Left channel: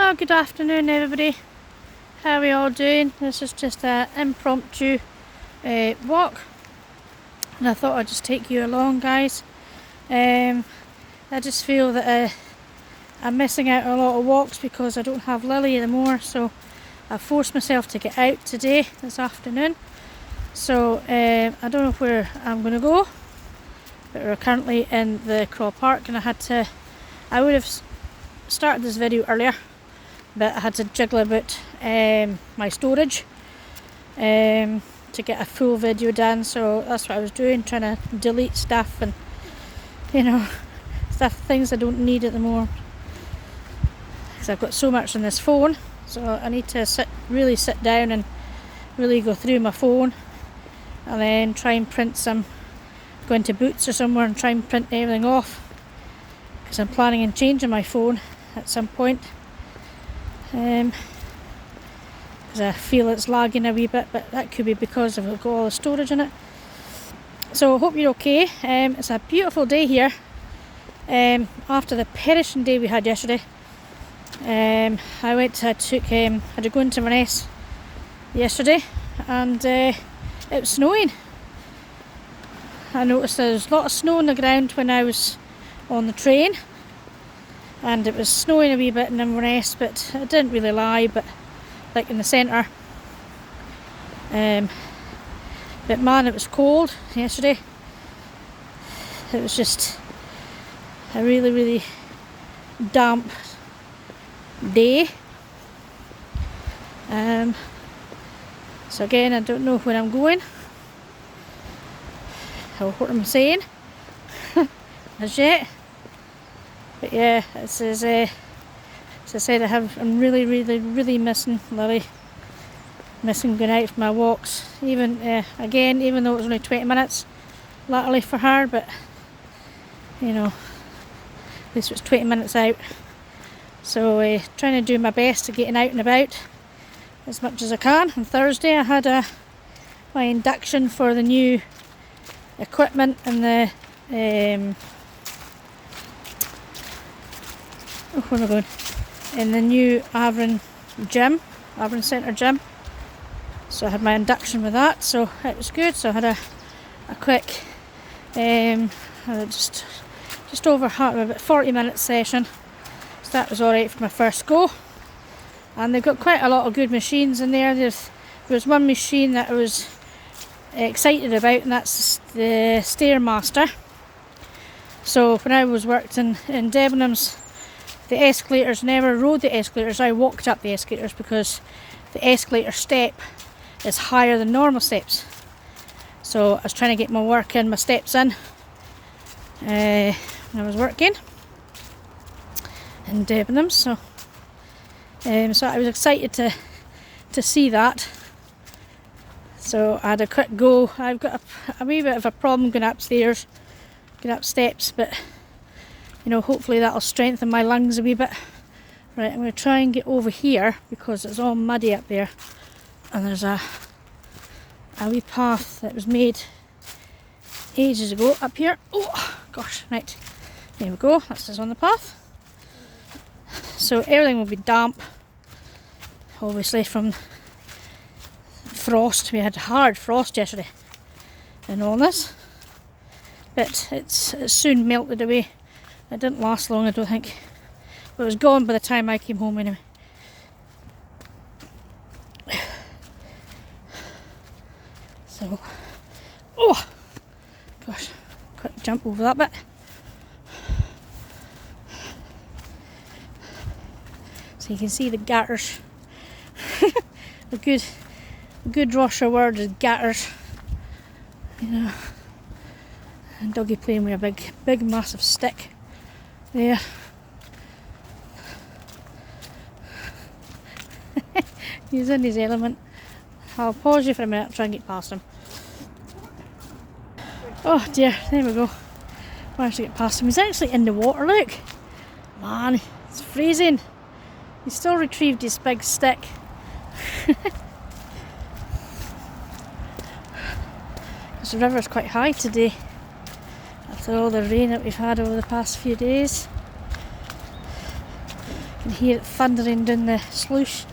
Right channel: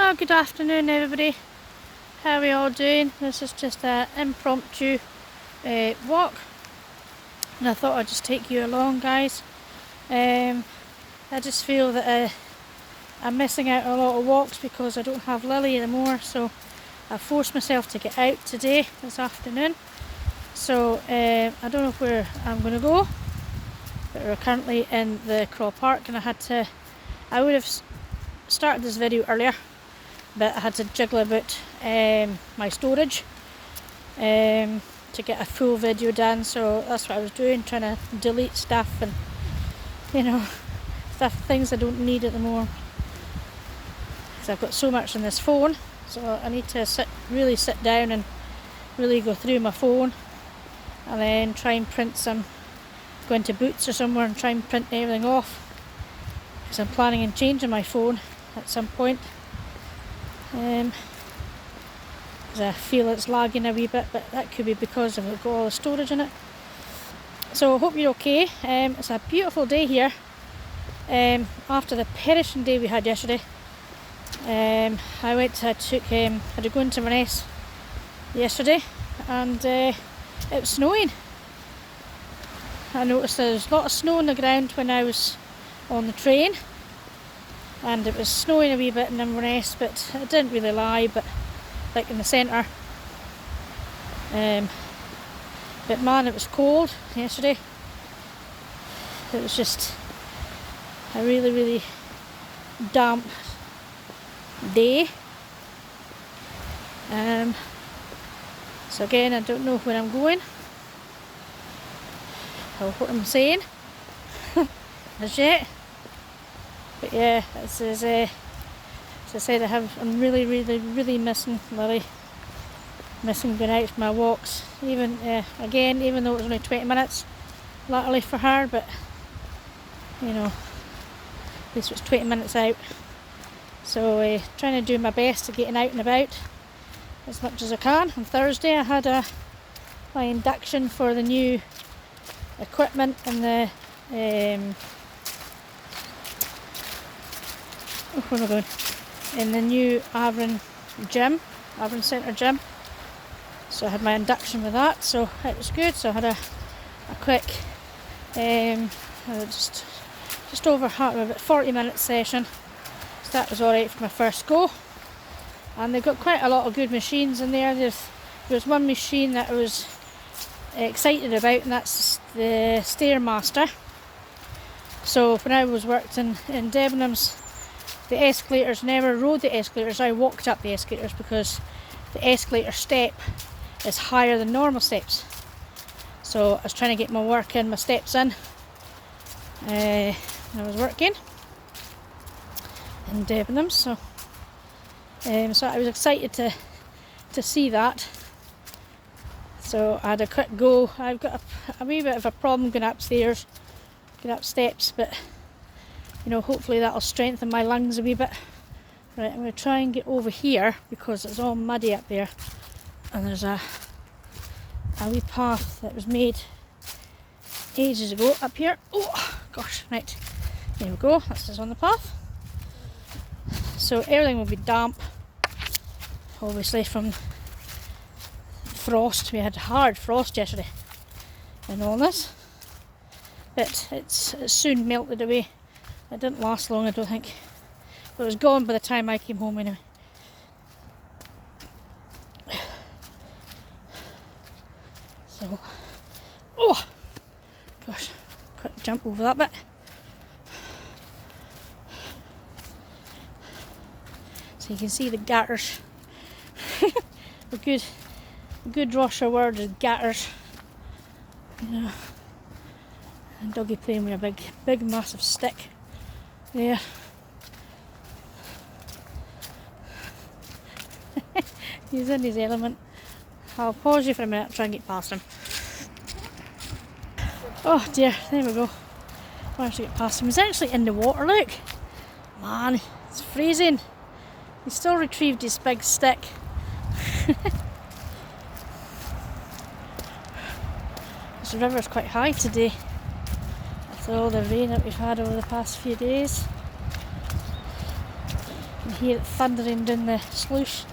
Oh, good afternoon everybody. How are we all doing? This is just an impromptu walk, and I thought I'd just take you along, guys. I just feel that I'm missing out on a lot of walks because I don't have Lily anymore, so I forced myself to get out today, this afternoon. So I don't know where I'm going to go, but we're currently in the Craw Park, and I would have started this video earlier, but I had to jiggle about my storage to get a full video done, so that's what I was doing, trying to delete stuff and things I don't need at the moment. So I've got so much on this phone, so I need to really sit down and really go through my phone, and then try and print go into Boots or somewhere and try and print everything off, because I'm planning on changing my phone at some point. Because I feel it's lagging a wee bit, but that could be because I've got all the storage in it. So I hope you're okay. It's a beautiful day here after the perishing day we had yesterday. I had to go into Inverness yesterday, and it was snowing. I noticed there was a lot of snow on the ground when I was on the train, and it was snowing a wee bit in Inverness, but it didn't really lie, but like in the centre. But man, it was cold yesterday. It was just a really, really damp day. So again, I don't know where I'm going or what I'm saying as yet. But yeah, as I said, I'm really, really, really missing Lily. Missing going out for my walks. Even though it was only 20 minutes, latterly for her, but at least it was 20 minutes out. So trying to do my best to getting out and about as much as I can. On Thursday I had my induction for the new equipment and the where am I going? In the new Avon Centre gym. So I had my induction with that, so it was good. So I had a quick just over about 40-minute session. So that was alright for my first go. And they've got quite a lot of good machines in there. There was one machine that I was excited about, and that's the Stairmaster. So when I worked in Debenhams, the escalators, never rode the escalators, I walked up the escalators because the escalator step is higher than normal steps. So I was trying to get my steps in when I was working in Debenhams. So I was excited to see that. So I had a quick go. I've got a wee bit of a problem going up steps, but hopefully that'll strengthen my lungs a wee bit. Right, I'm going to try and get over here because it's all muddy up there, and there's a wee path that was made ages ago up here. Oh gosh, right, there we go, this is on the path. So everything will be damp, obviously from frost. We had hard frost yesterday and all this, but it's soon melted away. It didn't last long, I don't think, but it was gone by the time I came home anyway. So, oh gosh, quick jump over that bit. So you can see the gutters. a good Russia word is gutters. And doggy playing with a big massive stick. Yeah. He's in his element. I'll pause you for a minute and try and get past him. Oh dear, there we go. Managed to get past him. He's actually in the water, look. Man, it's freezing. He still retrieved his big stick. This river's quite high today, after all the rain that we've had over the past few days. You can hear it thundering down the sluice.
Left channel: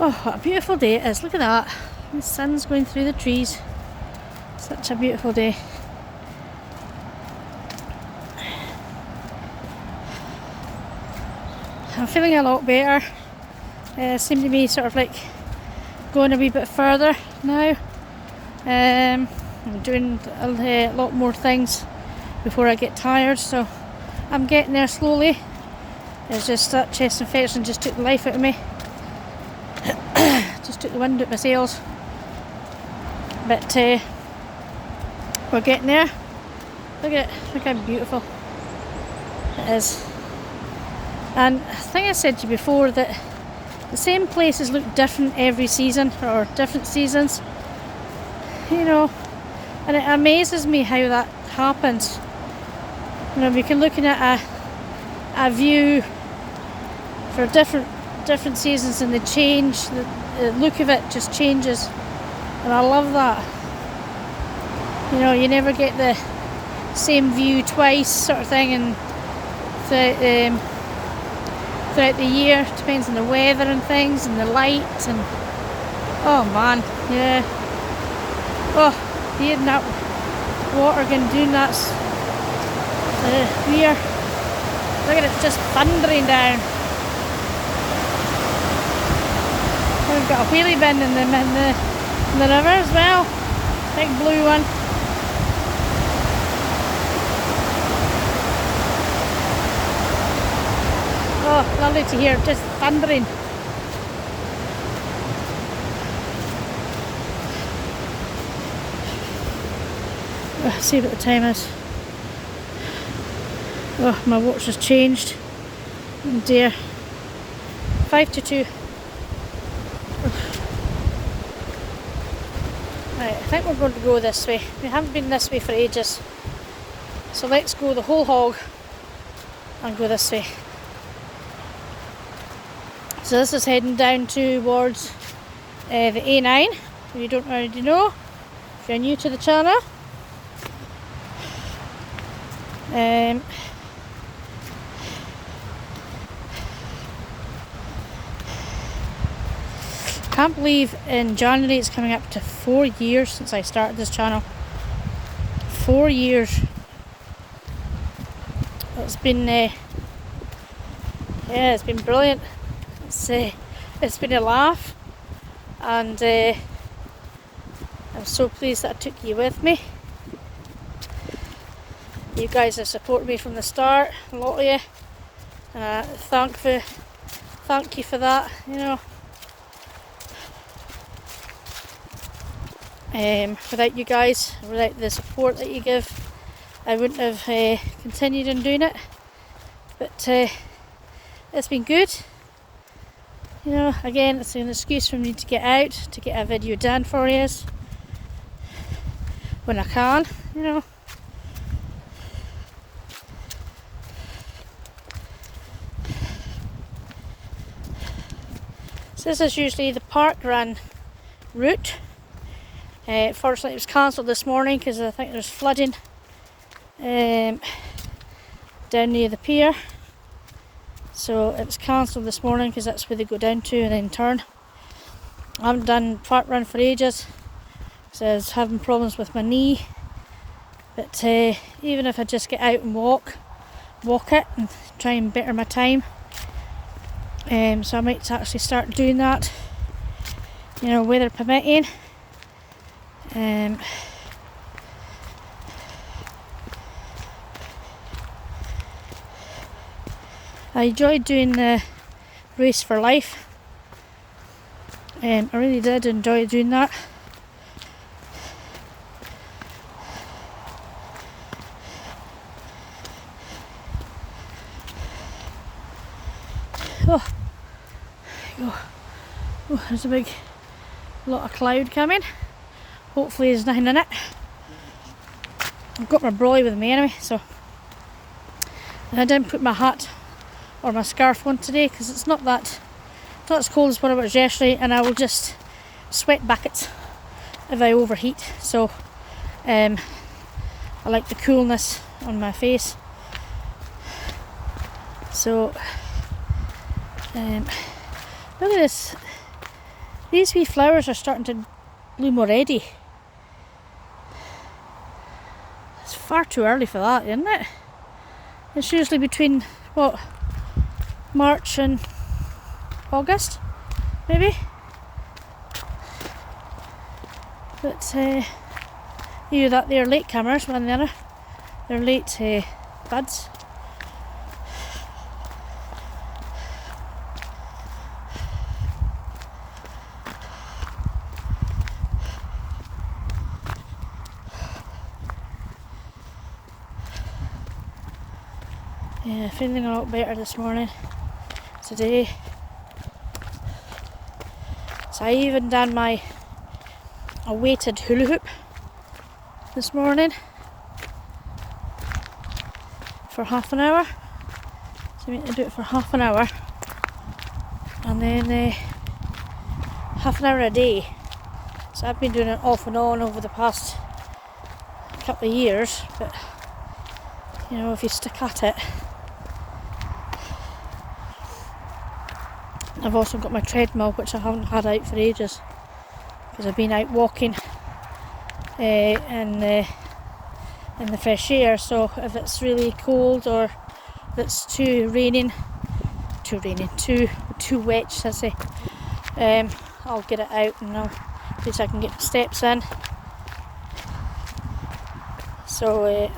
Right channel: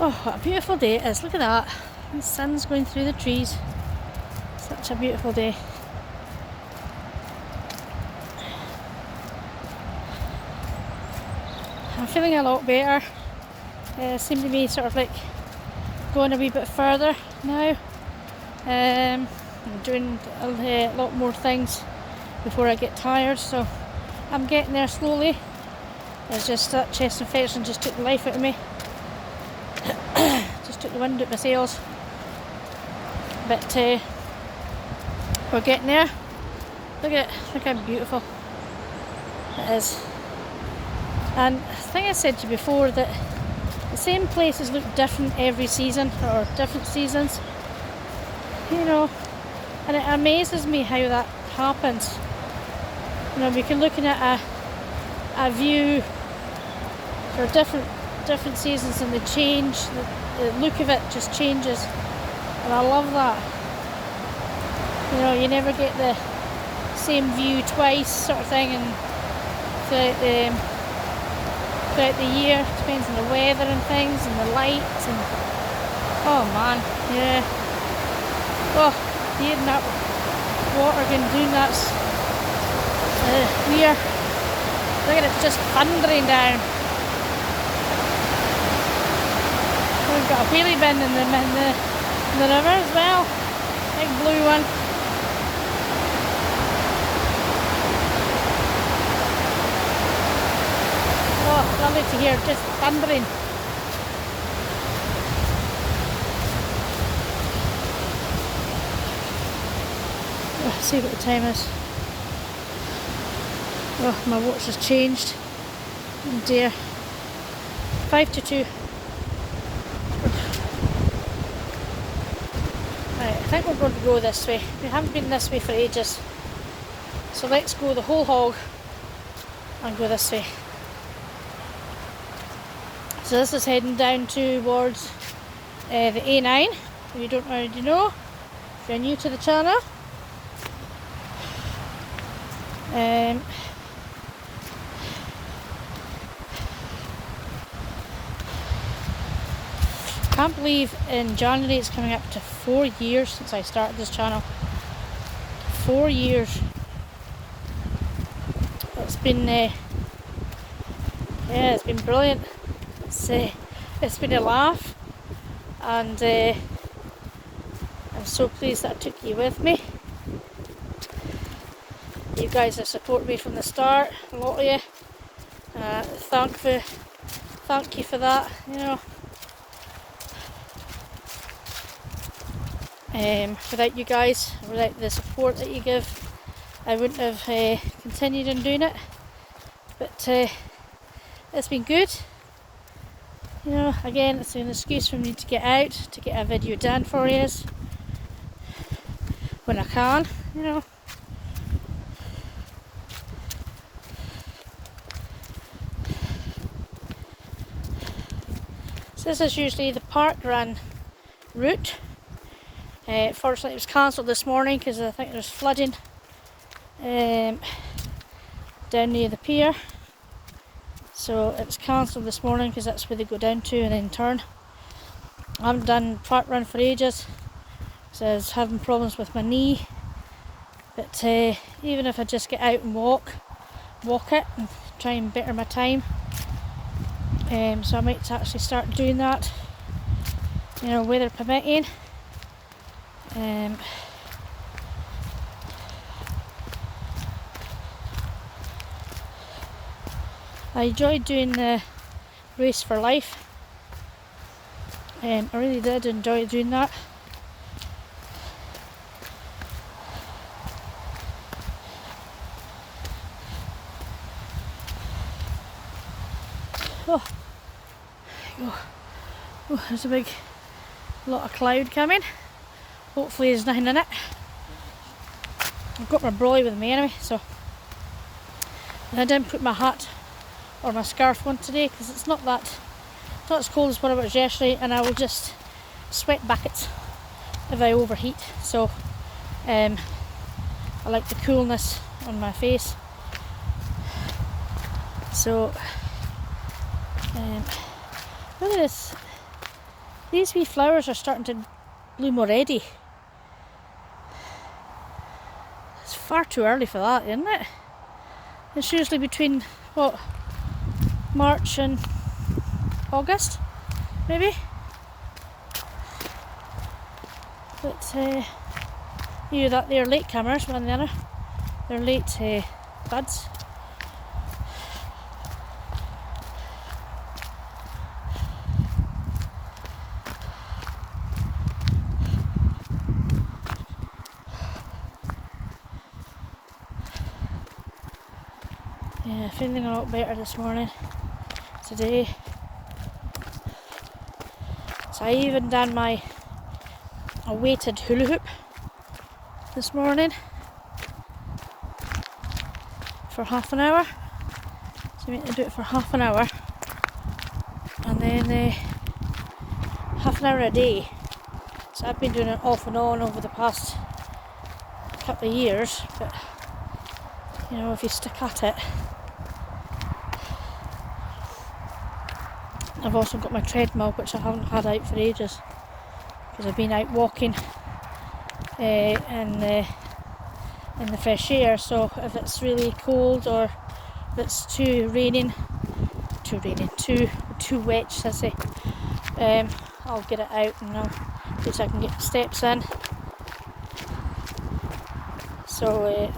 Oh, what a beautiful day it is. Look at that. The sun's going through the trees. Such a beautiful day. I'm feeling a lot better. Seem to be sort of like going a wee bit further now. I'm doing a lot more things before I get tired, so I'm getting there slowly. It's just that chest infection just took the life out of me. Just took the wind out of my sails. But we're getting there. Look at it, look how beautiful it is. And I think I said to you before that the same places look different every season, or different seasons, you know, and it amazes me how that happens. You know, we can look at a view for different seasons and they change, the look of it just changes, and I love that. You know, you never get the same view twice sort of thing, and throughout the year, depends on the weather and things and the light, and oh man, yeah. Oh, hearing that water going down, that's weird. Look at it, just thundering down. We've got a wheelie bin in the river as well, big blue one. Oh, lovely to hear, just thundering. Oh, see what the time is. Oh, my watch has changed. Oh dear. 5 to 2. Right, I think we're going to go this way. We haven't been this way for ages. So let's go the whole hog and go this way. So this is heading down towards the A9, if you don't already know, if you're new to the channel. Can't believe in January it's coming up to 4 years since I started this channel. 4 years. It's been yeah, it's been brilliant. It's been a laugh, and I'm so pleased that I took you with me. You guys have supported me from the start, a lot of you. Thank you for that. You know, without you guys, without the support that you give, I wouldn't have continued in doing it. But it's been good. You know, again, it's an excuse for me to get out, to get a video done for you when I can, you know. So this is usually the park run route. Fortunately it was cancelled this morning because I think there's flooding down near the pier. So it's cancelled this morning because that's where they go down to and then turn. I haven't done park run for ages, so I was having problems with my knee. But even if I just get out and walk it and try and better my time. So I might actually start doing that, you know, weather permitting. I enjoyed doing the race for life. I really did enjoy doing that. Oh, there's a big lot of cloud coming. Hopefully there's nothing in it. I've got my brolly with me anyway, so I didn't put my hat or my scarf on today because it's not that not as cold as what it was yesterday, and I will just sweat buckets if I overheat. So I like the coolness on my face. So look at this. These wee flowers are starting to bloom already. It's far too early for that, isn't it? It's usually between, what, March and August, maybe? But either that they're late comers, one or the other. They're late buds. Yeah, feeling a lot better this morning, today. So I even done a weighted hula hoop this morning for half an hour. So you need to do it for half an hour, and then half an hour a day. So I've been doing it off and on over the past couple of years, but you know, if you stick at it. I've also got my treadmill, which I haven't had out for ages because I've been out walking in the fresh air. So if it's really cold or if it's too wet, should I say, I'll get it out and at least I can get steps in. So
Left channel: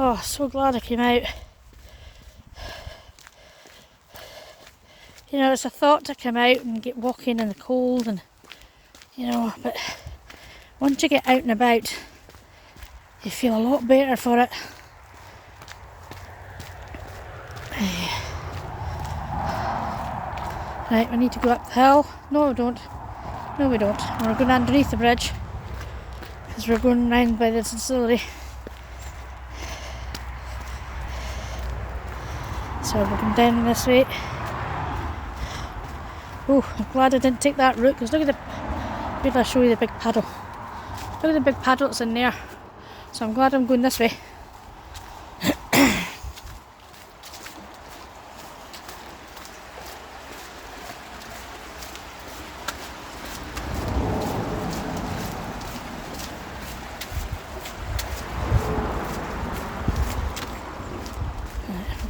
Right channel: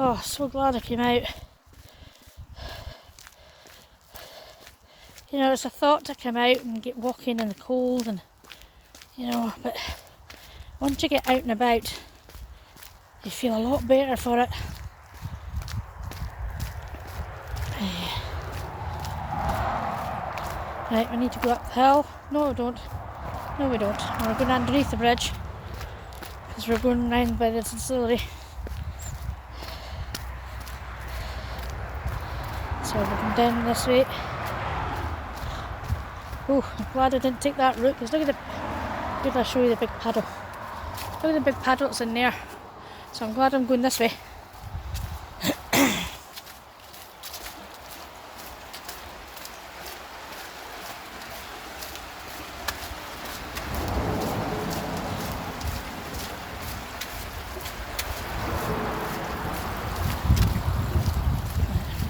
oh, so glad I came out. You know, it's a thought to come out and get walking in the cold, and you know, but once you get out and about, you feel a lot better for it. Right, we need to go up the hill. No, we don't. No, we don't. We're going underneath the bridge because we're going round by the distillery. So we're going down this way. Oh, I'm glad I didn't take that route because look at the... Wait till I show you the big paddle. Look at the big paddle that's in there. So I'm glad I'm going this way.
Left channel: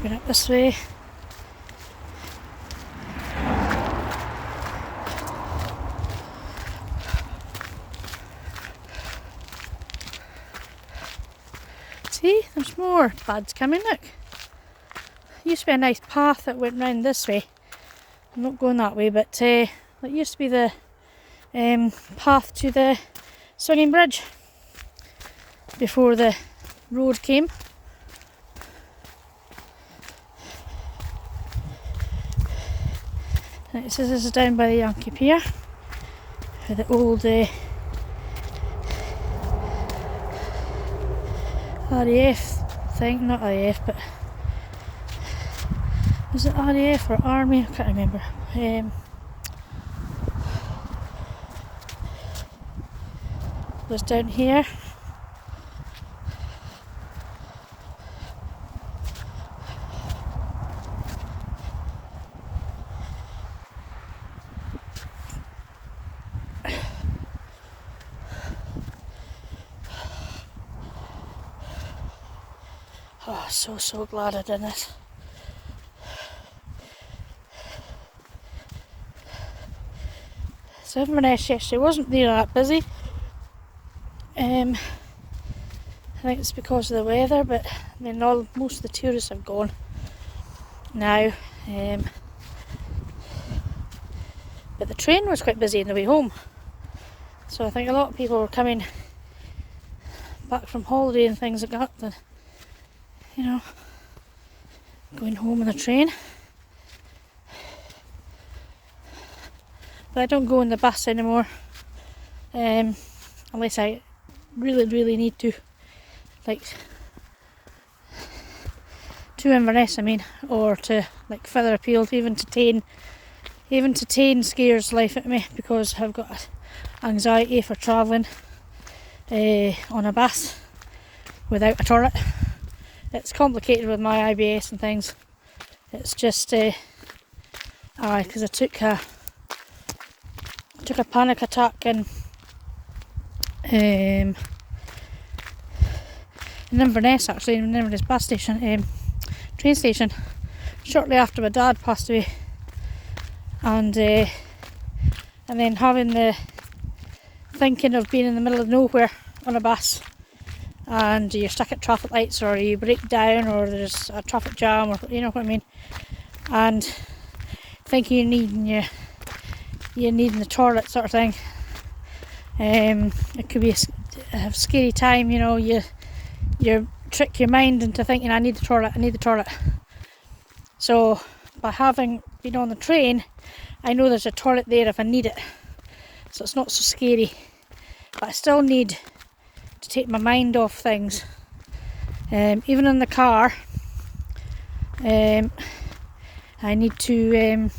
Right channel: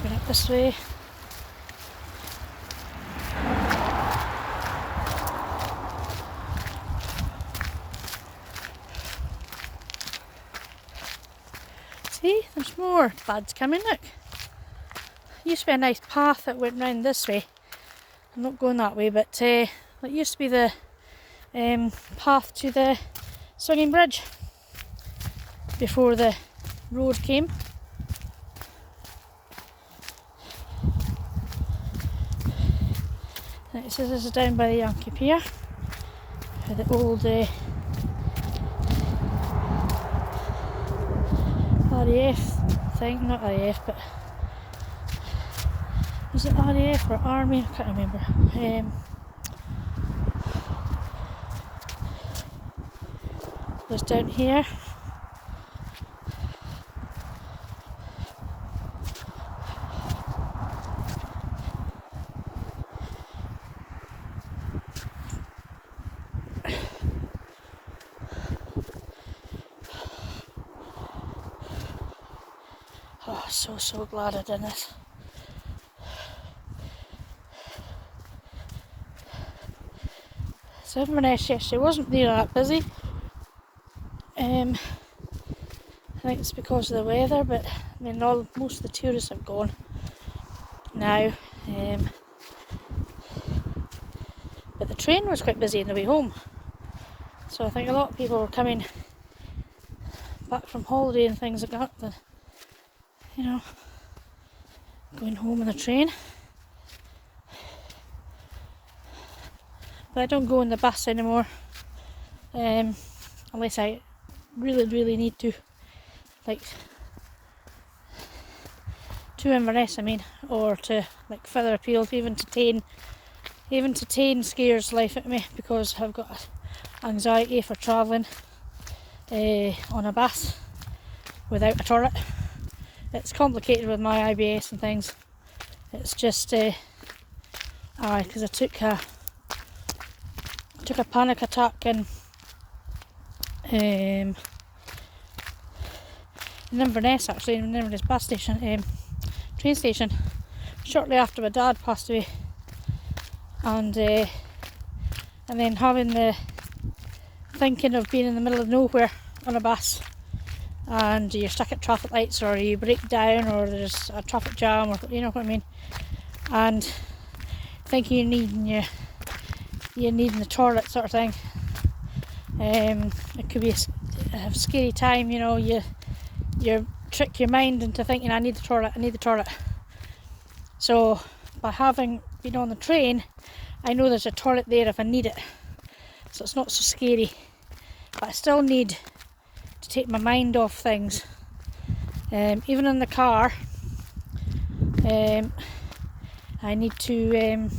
Going up this way. See, there's more buds coming, look. Used to be a nice path that went round this way. I'm not going that way, but it used to be the path to the swinging bridge before the road came. Right, so this is down by the Yankee Pier, where the old RAF thing, not RAF, but was it RAF or Army? I can't remember. Was down here. So glad I did it. So Inverness yesterday wasn't really that busy. I think it's because of the weather, but I mean, most of the tourists have gone now. But the train was quite busy on the way home. So I think a lot of people were coming back from holiday and things like that, then, you know, going home on the train. But I don't go on the bus anymore, unless I really need to, like to Inverness, I mean, or to like further afield. Even to Tain scares life at me because I've got anxiety for travelling on a bus without a toilet. It's complicated with my IBS and things. It's just because I took a panic attack in Inverness, actually, in Inverness bus station, train station, shortly after my dad passed away, and then having the thinking of being in the middle of nowhere on a bus, and you're stuck at traffic lights, or you break down, or there's a traffic jam, or you know what I mean, and thinking you're needing the toilet sort of thing. It could be a scary time, you know. You trick your mind into thinking I need the toilet. So by having been on the train, I know there's a toilet there if I need it, so it's not so scary. But I still need to take my mind off things. Even in the car, I need to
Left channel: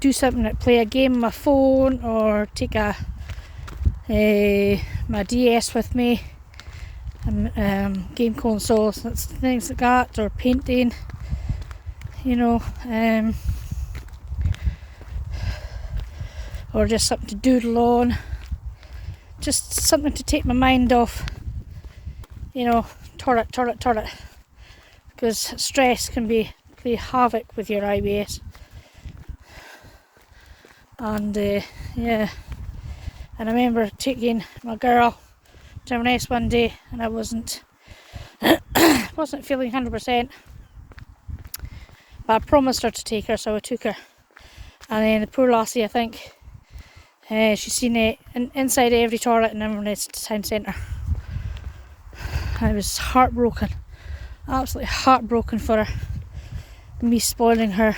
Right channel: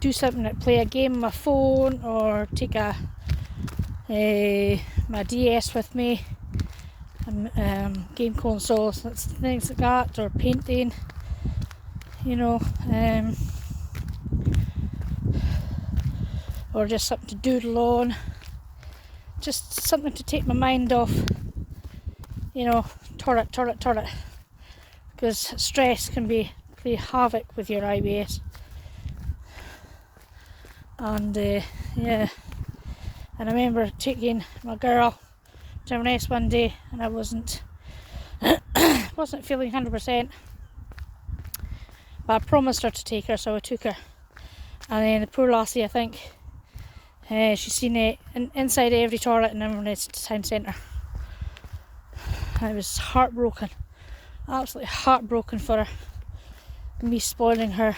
do something like play a game on my phone, or take my DS with me, game consoles, things like that, or painting, you know, or just something to doodle on, just something to take my mind off, you know, toilet, because stress can play havoc with your IBS. And yeah, and I remember taking my girl to Inverness one day, and I wasn't feeling 100%, but I promised her to take her, so I took her. And then the poor lassie, I think she's seen it inside every toilet in Inverness town centre. I was heartbroken, absolutely heartbroken for her, me spoiling her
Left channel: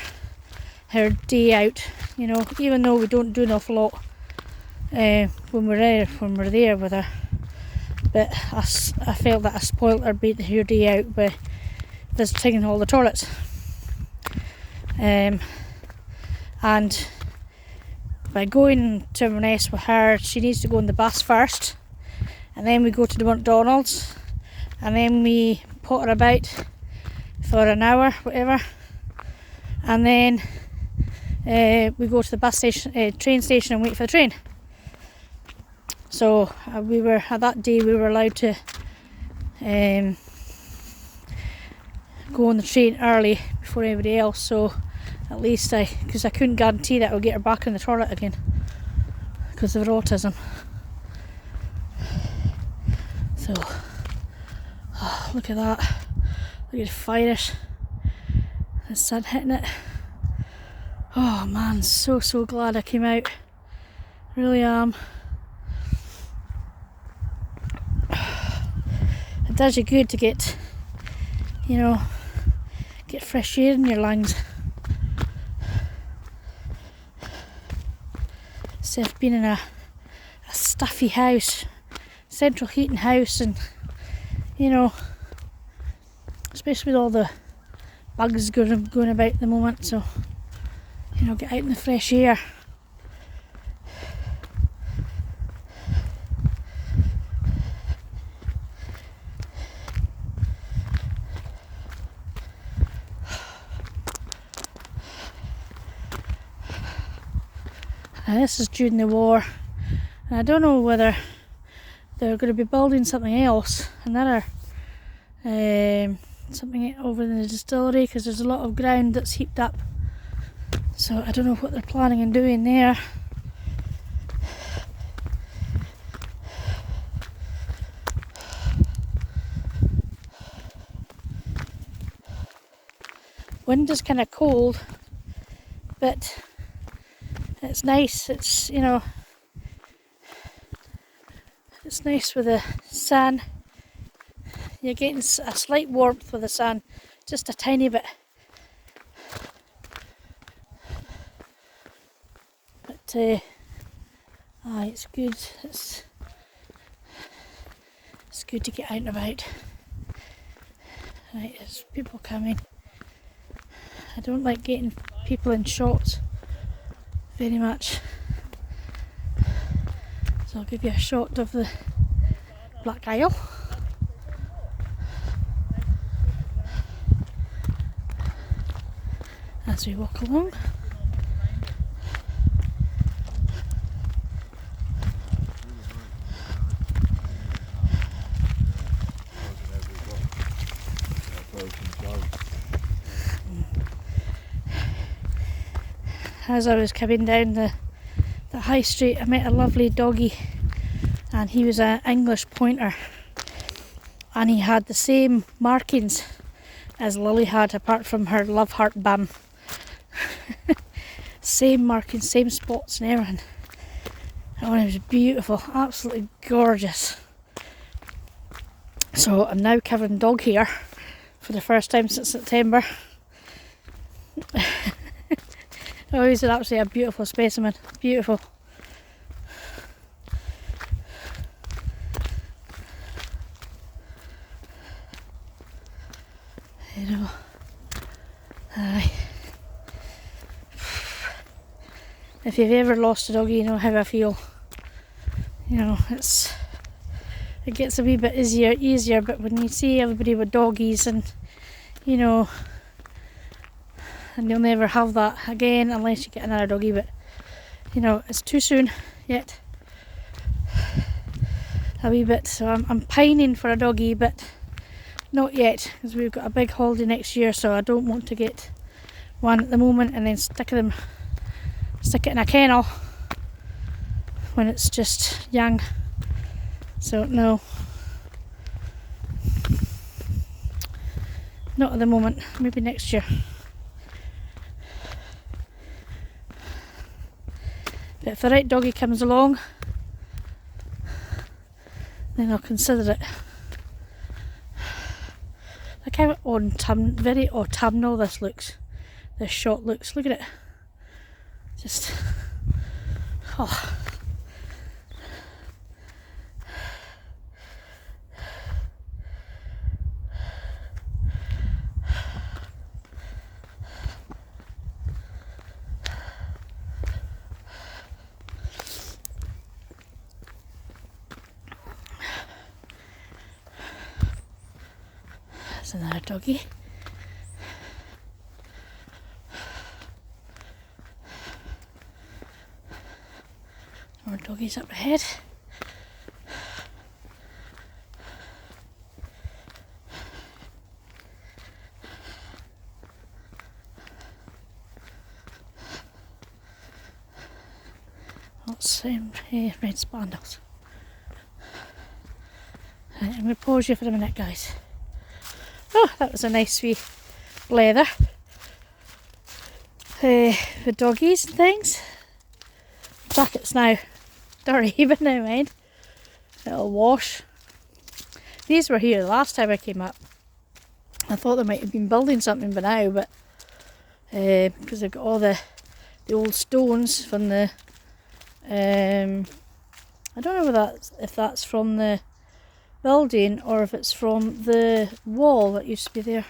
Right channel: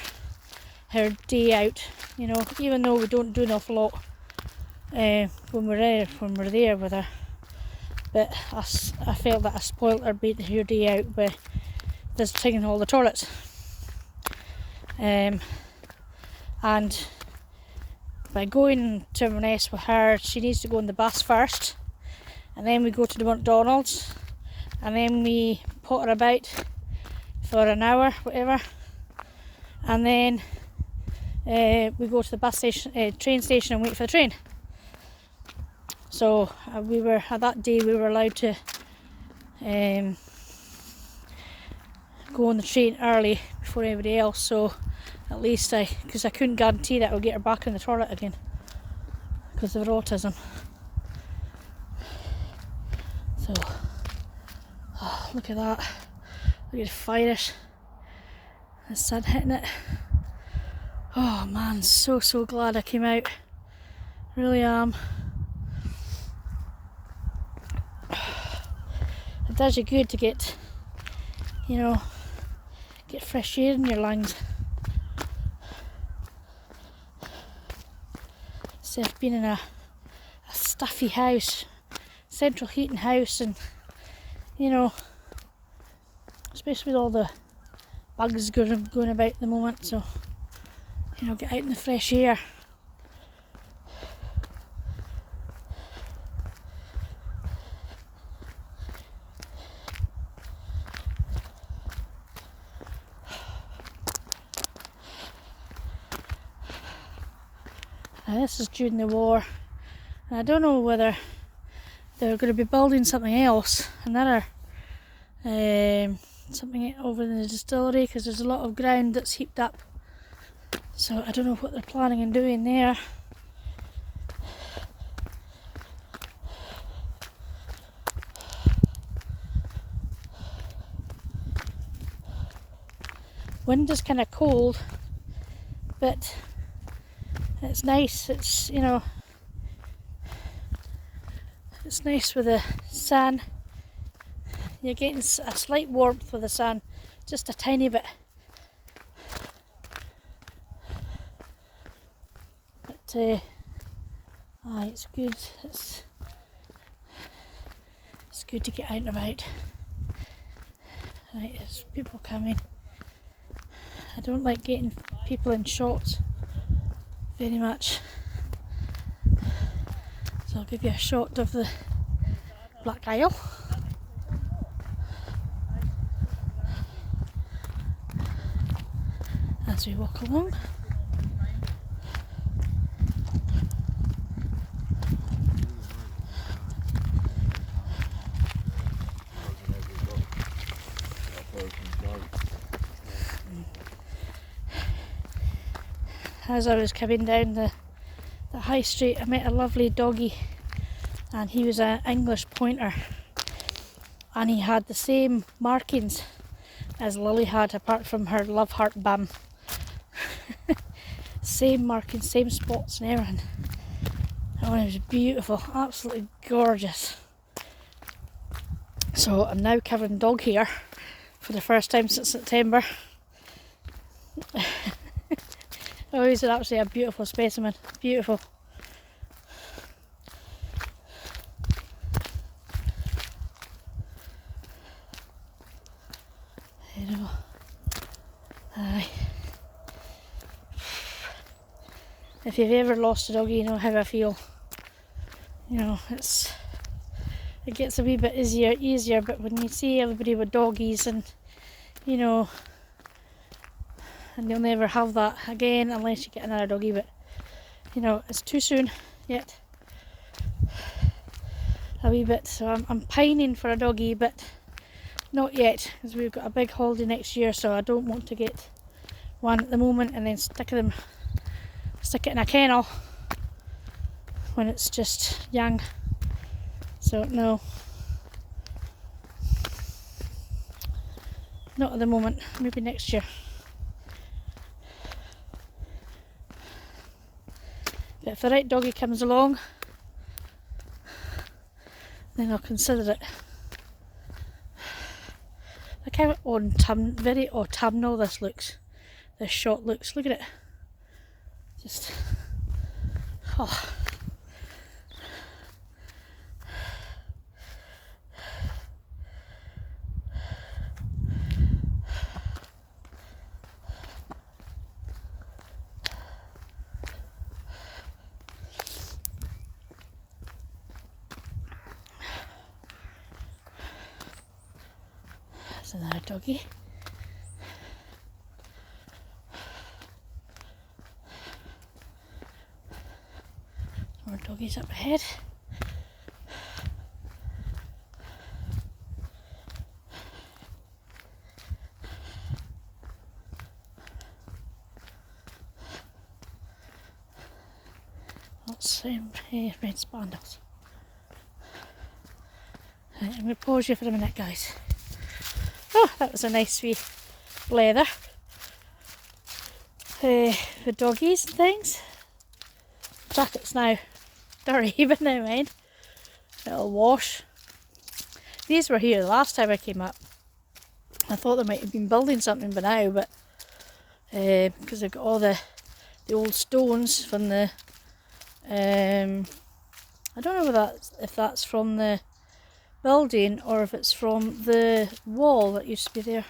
day out, you know, even though we don't do an awful lot when we're there with her. But I felt that I spoilt her day out by visiting all the toilets. And by going to Inverness with her, she needs to go on the bus first, and then we go to the McDonald's, and then we put her about for an hour, whatever, and then we go to the bus station, train station, and wait for the train. So that day we were allowed to go on the train early before anybody else. So at least because I couldn't guarantee that I would get her back in the toilet again because of her autism. So, oh, look at that! Look at the fire! The sun hitting it. Oh man, so glad I came out. Really am. It does you good to get fresh air in your lungs. Instead of being in a stuffy house, central heating house, and especially with all the bugs going about at the moment, so get out in the fresh air. Now, this is during the war, and I don't know whether they're going to be building something else, another something over in the distillery, because there's a lot of ground that's heaped up. So I don't know what they're planning on doing there. Wind is kind of cold, but it's nice. It's, you know, it's nice with the sun. You're getting a slight warmth with the sun, just a tiny bit. But it's good. It's good to get out and about. Right, there's people coming. I don't like getting people in shots very much, so I'll give you a shot of the Black Isle. As we walk along. As I was coming down the high street, I met a lovely doggy, and he was an English pointer, and he had the same markings as Lily had, apart from her love heart bum. Same markings, same spots and everything. Oh, it was beautiful, absolutely gorgeous. So I'm now covering dog hair for the first time since September. Oh, he's actually a beautiful specimen, beautiful. You know, if you've ever lost a doggy, you know how I feel. You know, it gets a wee bit easier, but when you see everybody with doggies, and you know, and you'll never have that again unless you get another doggy, but you know, it's too soon yet. A wee bit, so I'm pining for a doggy, but not yet, because we've got a big holiday next year, so I don't want to get one at the moment and then stick it in a kennel when it's just young. So no, not at the moment, maybe next year. But if the right doggy comes along, then I'll consider it. Look how very autumnal this looks. This shot looks. Look at it. Just, oh. There's another doggy. More doggies up ahead. Lots red spandrels. Right, I'm going to pause you for a minute, guys. Oh, that was a nice wee leather. The doggies and things. Jackets now dirty, but never mind. It'll wash. These were here the last time I came up. I thought they might have been building something by now, but because they've got all the old stones from the I don't know if that's from the building or if it's from the wall that used to be there.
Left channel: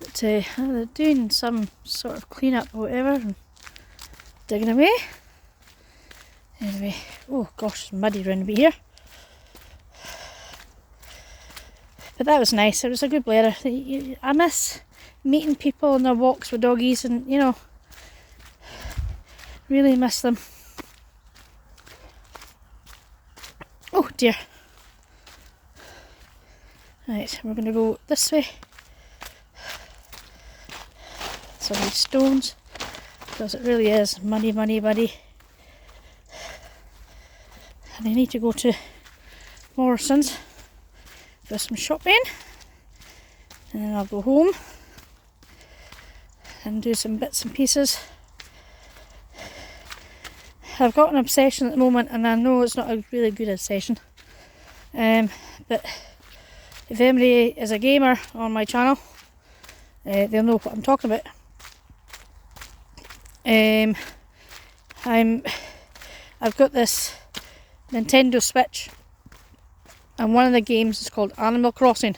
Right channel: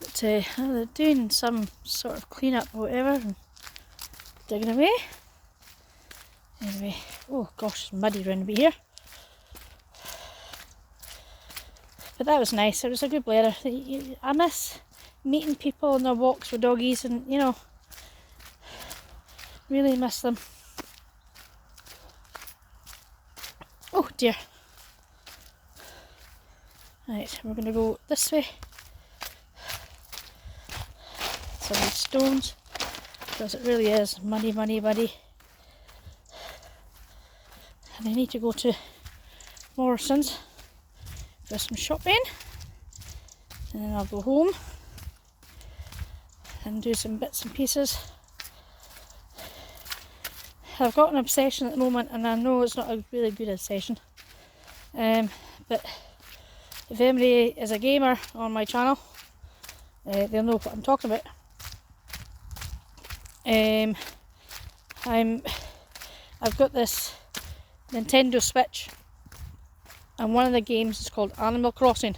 But they're doing some sort of clean up or whatever, and digging away. Anyway, oh gosh, it's muddy round about here. But that was nice. It was a good blather. I miss meeting people on their walks with doggies, and you know, really miss them. Oh dear. Right, we're going to go this way. Some of these stones, because it really is muddy. And I need to go to Morrison's for some shopping, and then I'll go home and do some bits and pieces. I've got an obsession at the moment, and I know it's not a really good obsession, but if anybody is a gamer on my channel, they'll know what I'm talking about. I've got this Nintendo Switch, and one of the games is called Animal Crossing.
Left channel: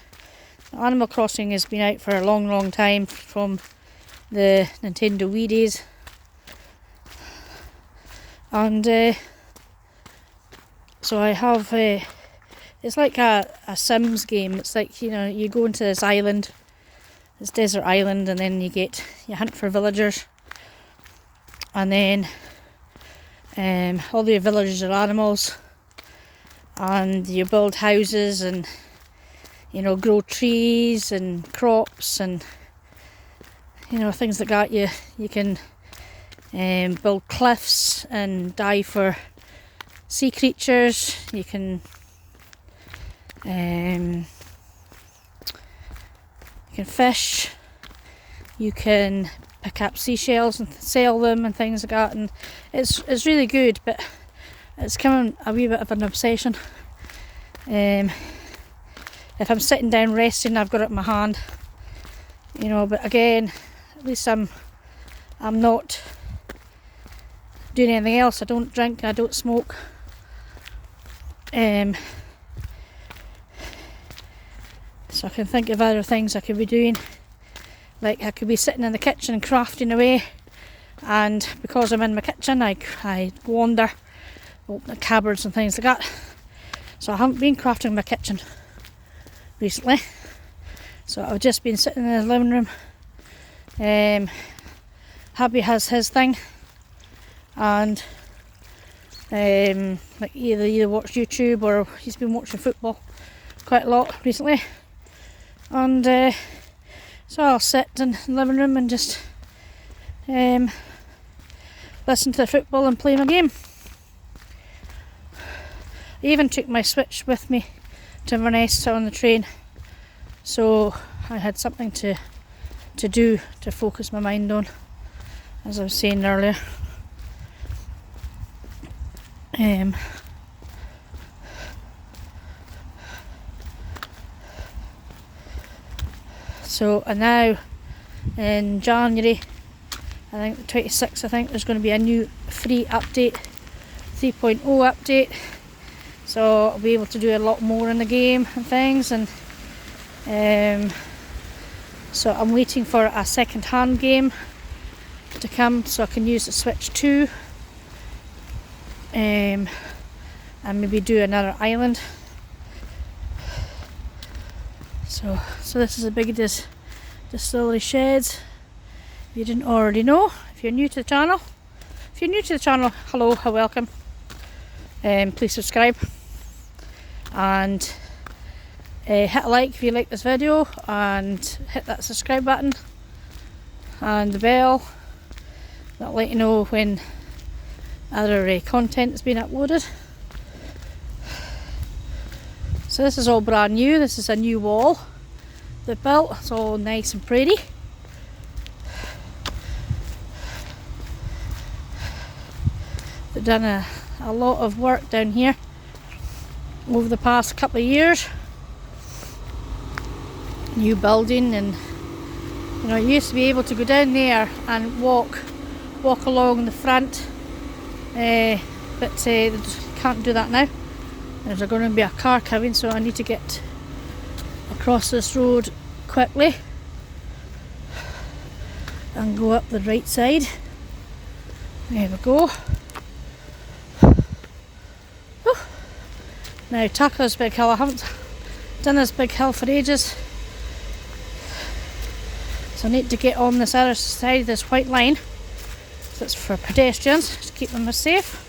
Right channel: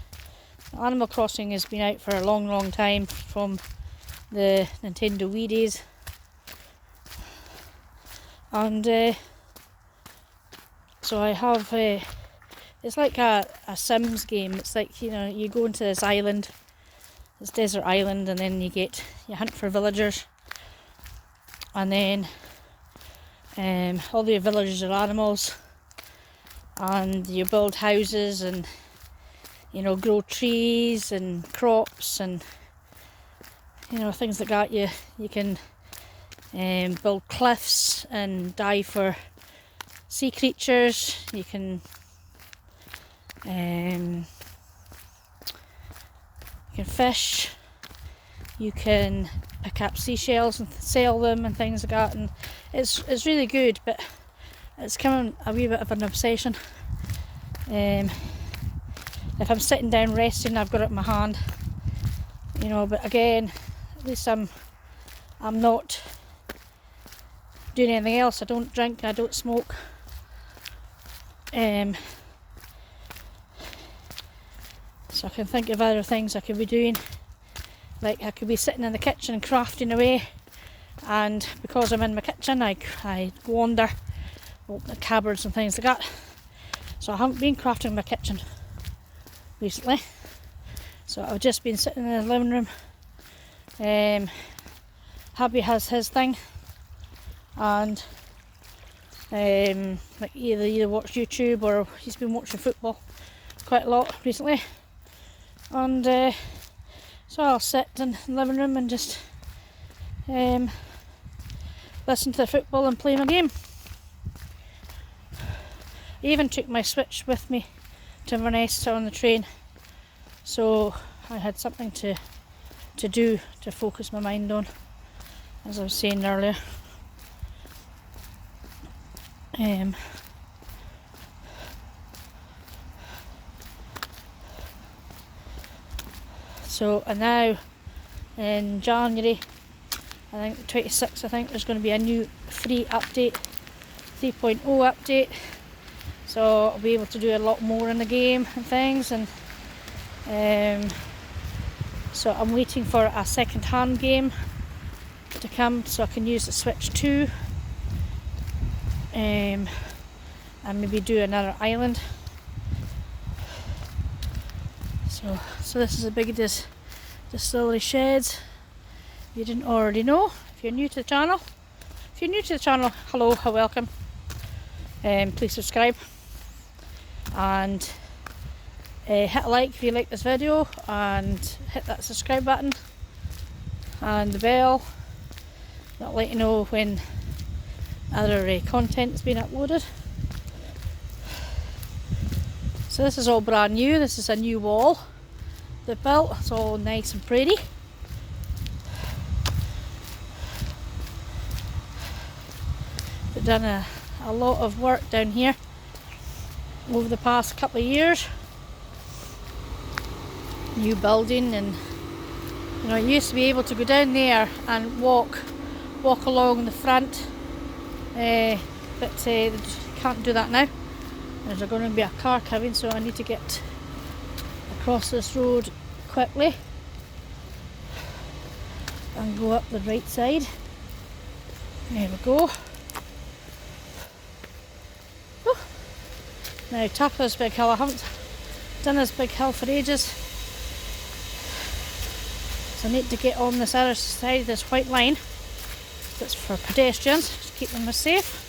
Animal Crossing has been out for a long time, from the Nintendo Wii days, and so I have it's like a Sims game. It's like, you know, you go into this island, this desert island, and then you hunt for villagers, and then all the villagers are animals, and you build houses and, you know, grow trees and crops and, you know, things like that. You can build cliffs and dive for sea creatures. You can fish. You can pick up seashells and sell them and things like that, and it's really good, but it's becoming a wee bit of an obsession. If I'm sitting down resting, I've got it in my hand, you know, but again, at least I'm not doing anything else. I don't drink, I don't smoke, so I can think of other things I could be doing. Like, I could be sitting in the kitchen crafting away, and because I'm in my kitchen, I wander, open the cupboards and things like that. So I haven't been crafting in my kitchen recently, so I've just been sitting in the living room. Hubby has his thing, and like either watch YouTube, or he's been watching football quite a lot recently, and so I'll sit in the living room and just listen to the football and play my game. I even took my Switch with me to Inverness on the train, so I had something to do to focus my mind on, as I was saying earlier. So, and now in January, I think the 26th, I think there's going to be a new free update, 3.0 update. So I'll be able to do a lot more in the game and things, and so I'm waiting for a second-hand game to come so I can use the Switch 2, and maybe do another island. So this is a big Distillery sheds. You didn't already know. If you're new to the channel, hello, welcome. Please subscribe and hit a like if you like this video, and hit that subscribe button and the bell. That'll let you know when other content has been uploaded. So this is all brand new. This is a new wall they built. It's all nice and pretty. They've done a lot of work down here over the past couple of years. New building, and you know, you used to be able to go down there and walk along the front, but they just can't do that now. There's going to be a car coming, so I need to get across this road quickly and go up the right side. There we go. Whew. Now, tackle this big hill. I haven't done this big hill for ages, so I need to get on this other side, this white line that's for pedestrians, to keep them safe.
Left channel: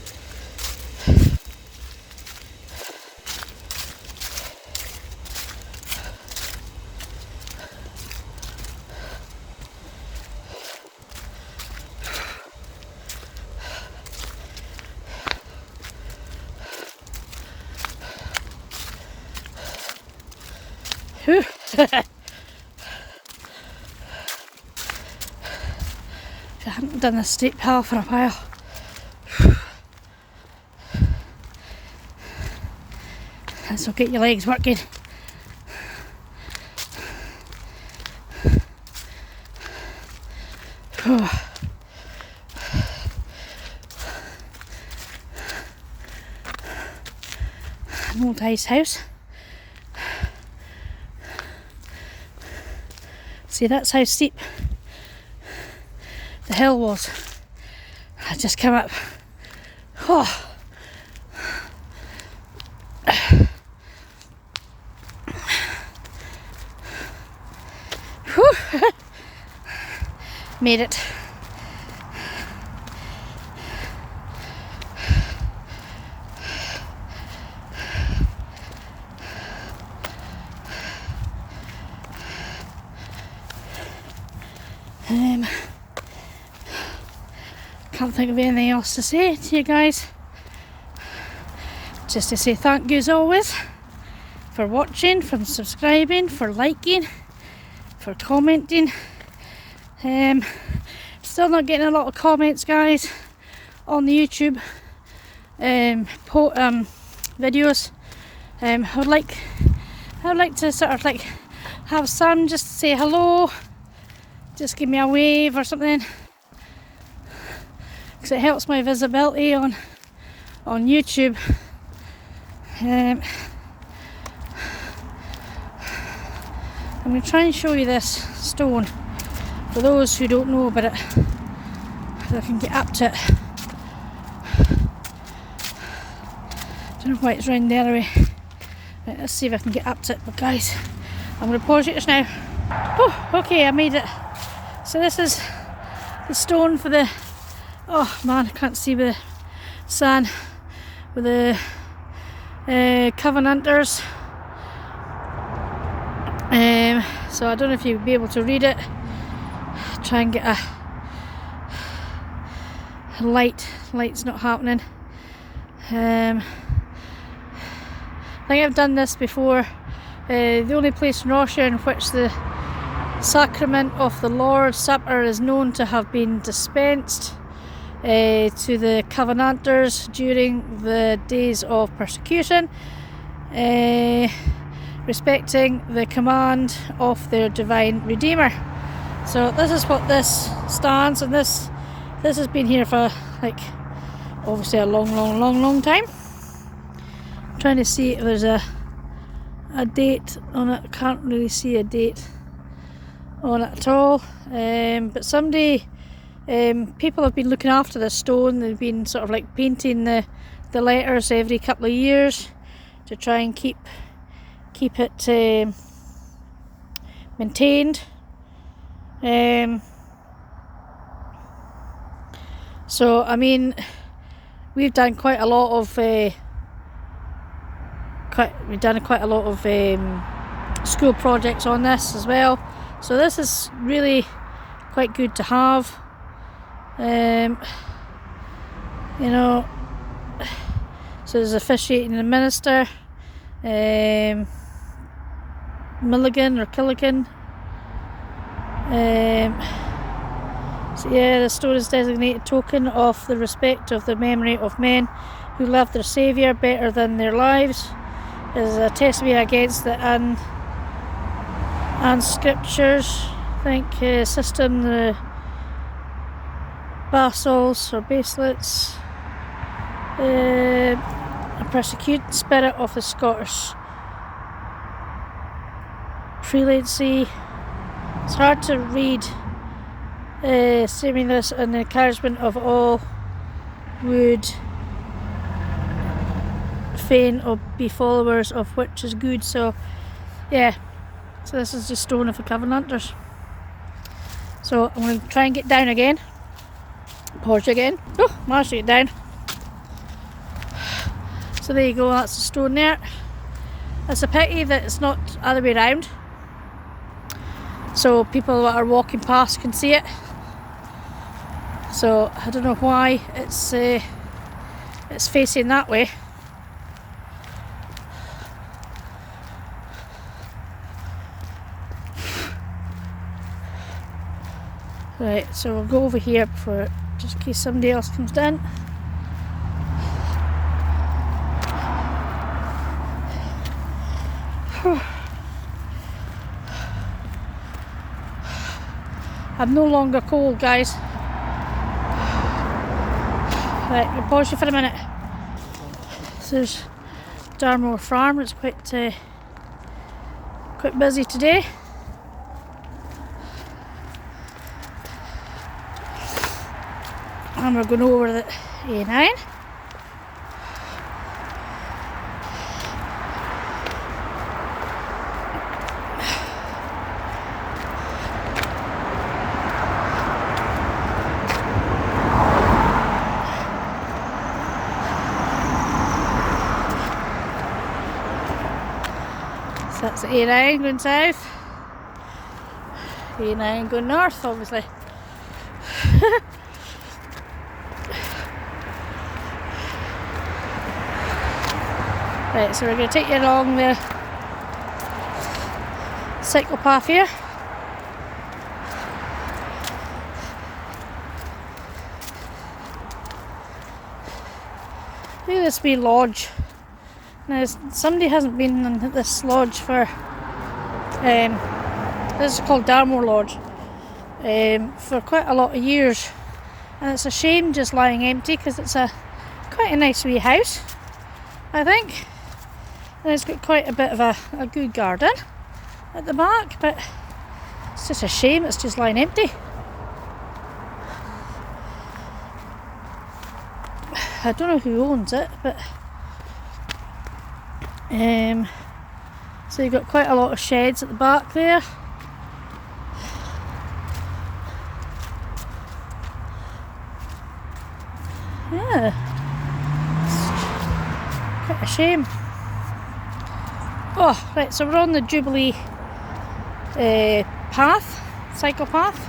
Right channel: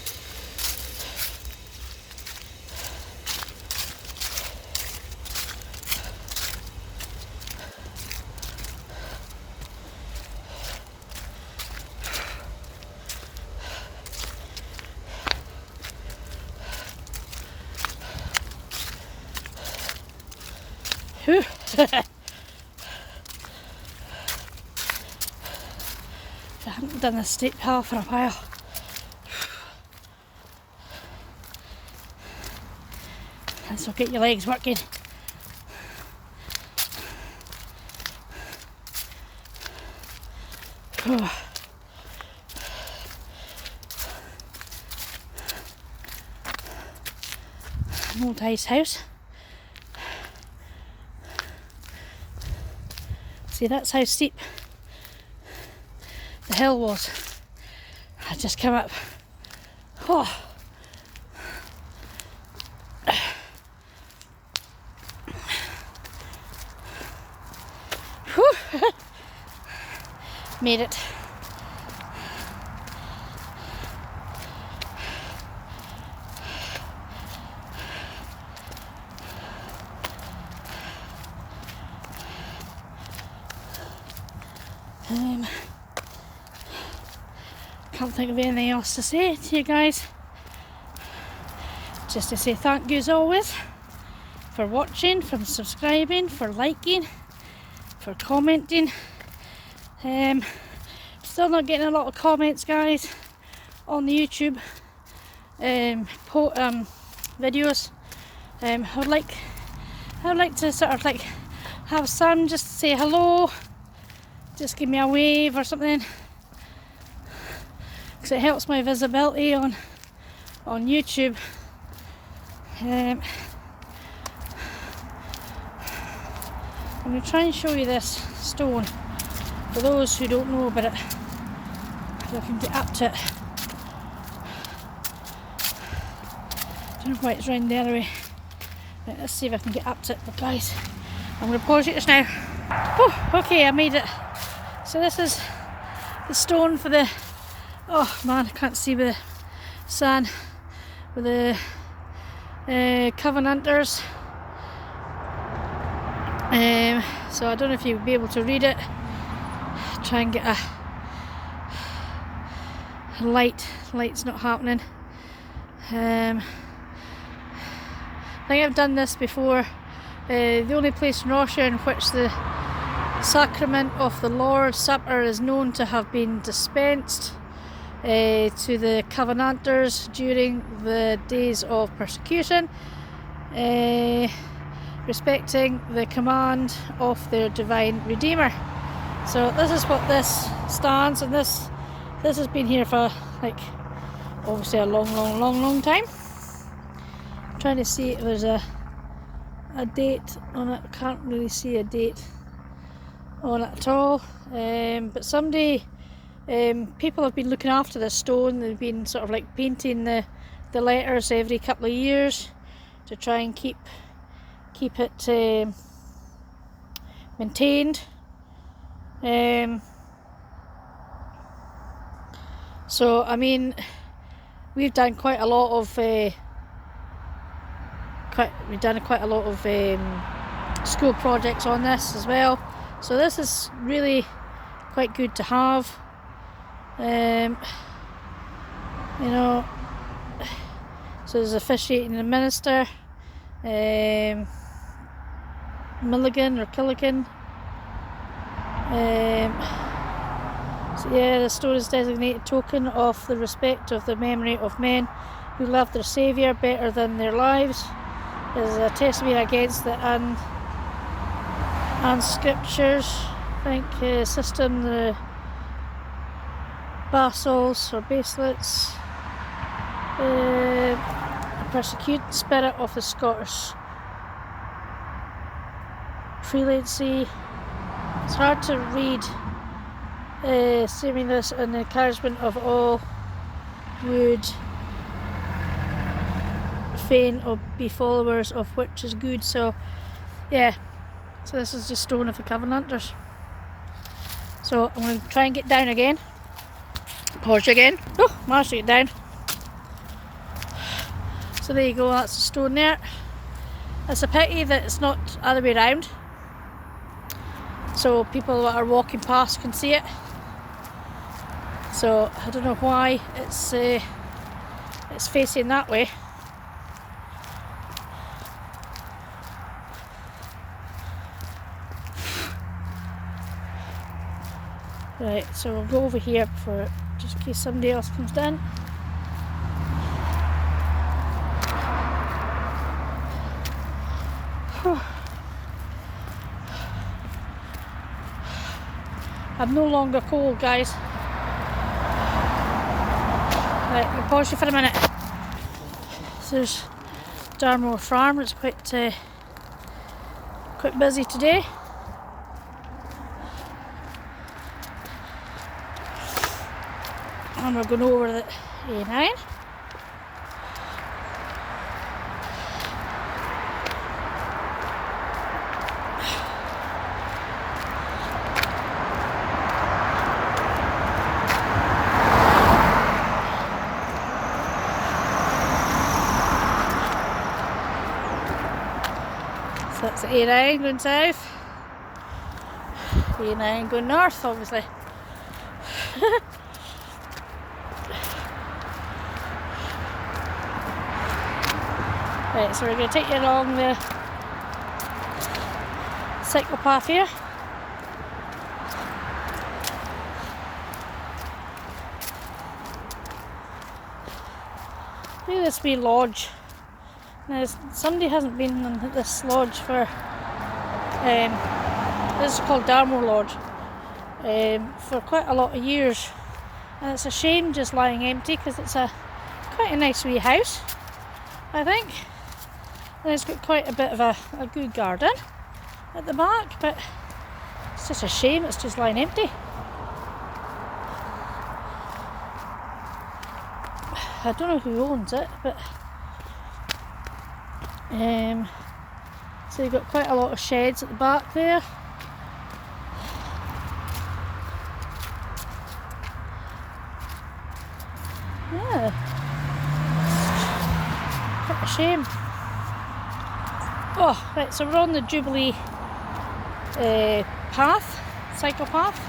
I haven't done a steep hill for a while. This will get your legs working. Oh. An old ice house. See, that's how steep the hill was. I just came up. Oh. Made it. Can't think of anything else to say to you guys. Just to say thank you as always for watching, for subscribing, for liking, for commenting. Still not getting a lot of comments, guys, on the YouTube videos. I would like to sort of like have some just say hello, just give me a wave or something, because it helps my visibility on YouTube. I'm going to try and show you this stone for those who don't know about it, if I can get up to it. Don't know why it's round the other way. Right, let's see if I can get up to it, but guys, I'm going to pause it just now. Oh, okay, I made it. So this is the stone for the, oh man, I can't see with the sun, with the Covenanters. So I don't know if you'll be able to read it. Try and get a light's not happening. I think I've done this before. The only place in Russia in which the sacrament of the Lord's Supper is known to have been dispensed to the Covenanters during the days of persecution, respecting the command of their divine Redeemer. So this is what this stands, and this has been here for like obviously a long time. I'm trying to see if there's a date on it. I can't really see a date on it at all. But somebody, people have been looking after this stone. They've been sort of like painting the letters every couple of years to try and keep it maintained. So I mean, we've done quite a lot of school projects on this as well. So this is really quite good to have. You know, so there's officiating the minister, Milligan or Killigan. So yeah, the stone is designated token of the respect of the memory of men who loved their Saviour better than their lives. It is a testimony against the scriptures, I think, system, the basals or baselets, a persecuted spirit of the Scottish prelacy. It's hard to read. Seeming this an encouragement of all would fain or be followers of which is good. So yeah, so this is the stone of the Covenanters. So I'm going to try and get down again. Pause again. Oh, managed to get down. So there you go, that's the stone there. It's a pity that it's not other way around, so people that are walking past can see it. So I don't know why it's facing that way. Right, so we'll go over here before, just in case somebody else comes down. I'm no longer cold, guys. Right, we'll pause you for a minute. So there's Darmore Farm. It's quite busy today. And we're going over the A9. So that's the A9 going south. A9 going north, obviously. Right, so we're going to take you along the cycle path here. Look at this wee lodge. Now, somebody hasn't been in this lodge for, this is called Darmore Lodge, for quite a lot of years. And it's a shame just lying empty because it's quite a nice wee house, I think. And it's got quite a bit of a good garden at the back, but it's just a shame it's just lying empty. I don't know who owns it, but so you've got quite a lot of sheds at the back there. Yeah, quite a shame. Oh, right, so we're on the Jubilee path, cycle path.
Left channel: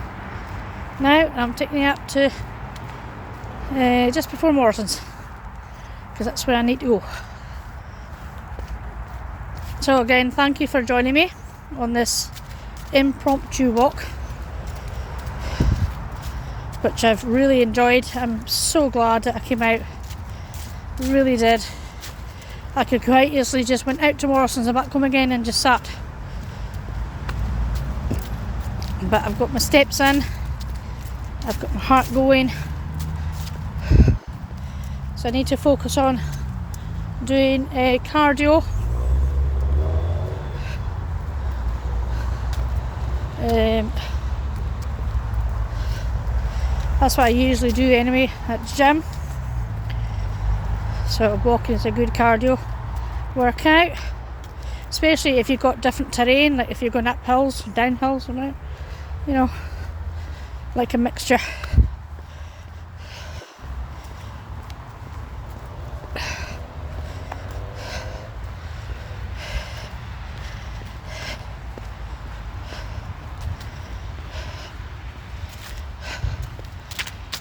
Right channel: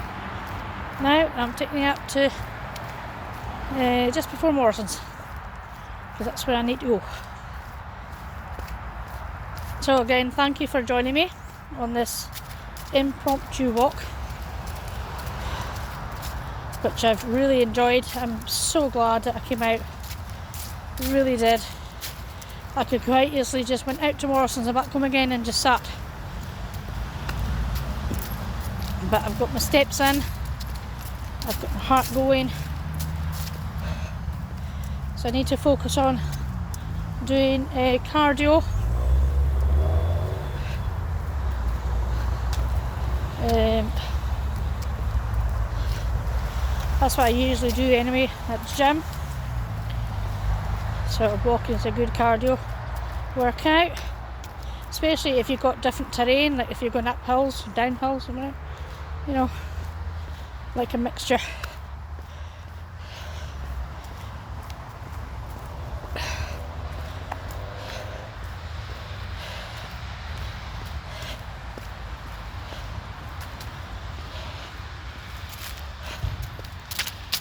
Now I'm taking you up to just before Morrison's, because that's where I need to go. So again, thank you for joining me on this impromptu walk, which I've really enjoyed. I'm so glad that I came out, really did. I could quite easily just went out to Morrison's and back home again and just sat. But I've got my steps in, I've got my heart going, so I need to focus on doing cardio. That's what I usually do anyway at the gym. So walking is a good cardio workout, especially if you've got different terrain, like if you're going up hills, down hills, you know, like a mixture.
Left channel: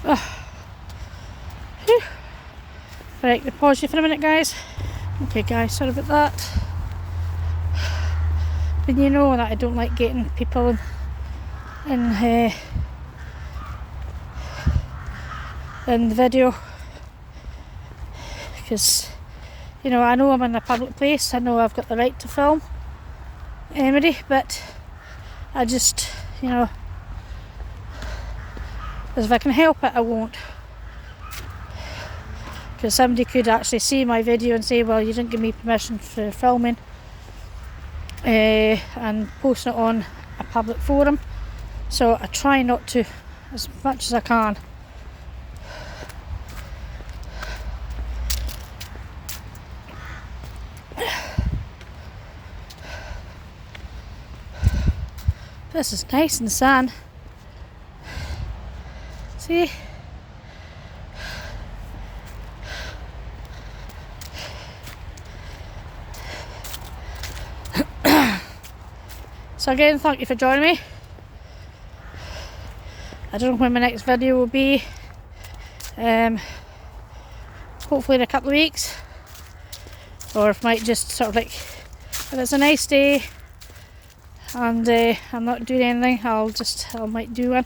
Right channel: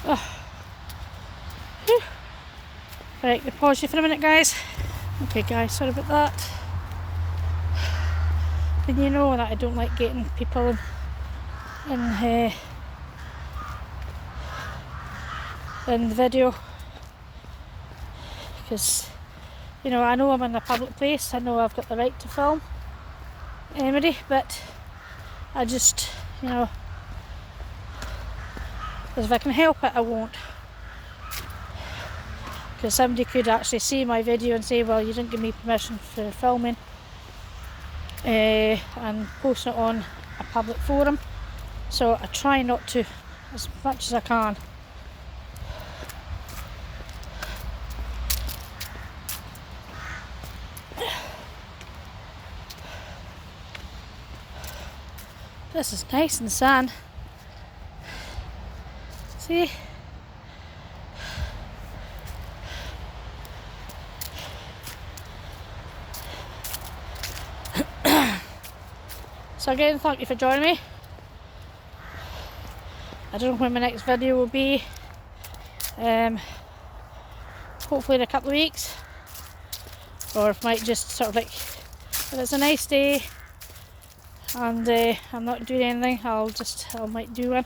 Oh. Right, we'll pause you for a minute, guys. Okay guys, sorry about that. And you know that I don't like getting people in the video, because you know, I know I'm in a public place, I know I've got the right to film anybody, but I just, you know, if I can help it I won't. Because somebody could actually see my video and say, well, you didn't give me permission for filming, and post it on a public forum. So I try not to as much as I can. This is nice in the sun. See? So again, thank you for joining me. I don't know when my next video will be. Hopefully in a couple of weeks. Or if I might just sort of like, if it's a nice day and I'm not doing anything, I might do one.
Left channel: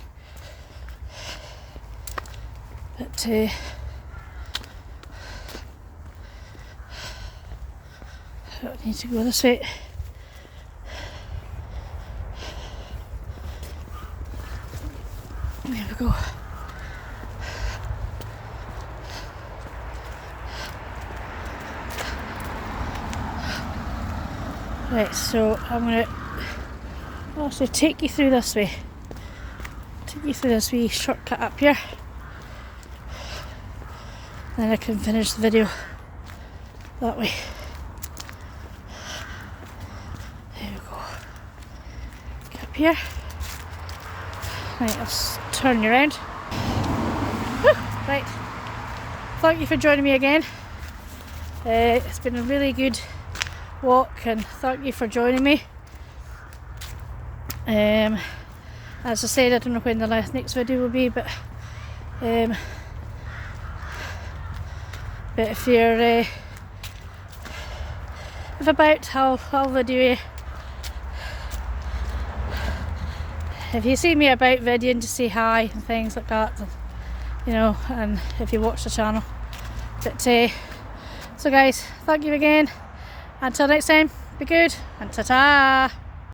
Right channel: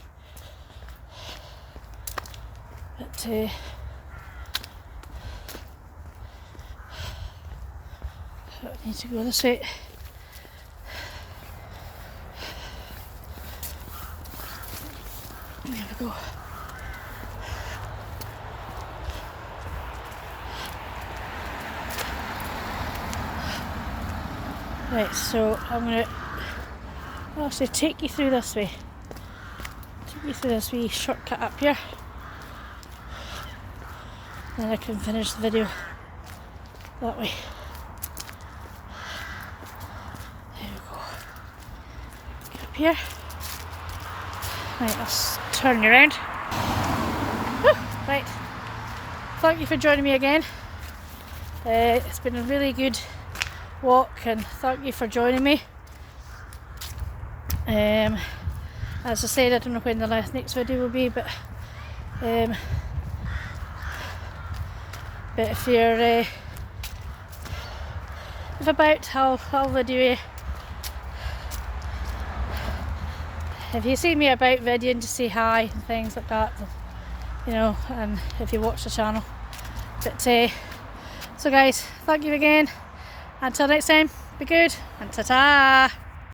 I don't need to go this way. There we go. Right, so I'm going to actually take you through this way. Take you through this wee shortcut up here. Then I can finish the video that way. There we go. Get up here. Right, I'll turn you around. Whew, right. Thank you for joining me again. It's been a really good walk, and thank you for joining me. As I said, I don't know when the next video will be, but if you're if about, I'll video you. If you see me about videoing to say hi and things like that, you know, and if you watch the channel. But so guys, thank you again. Until next time, be good and ta-ta!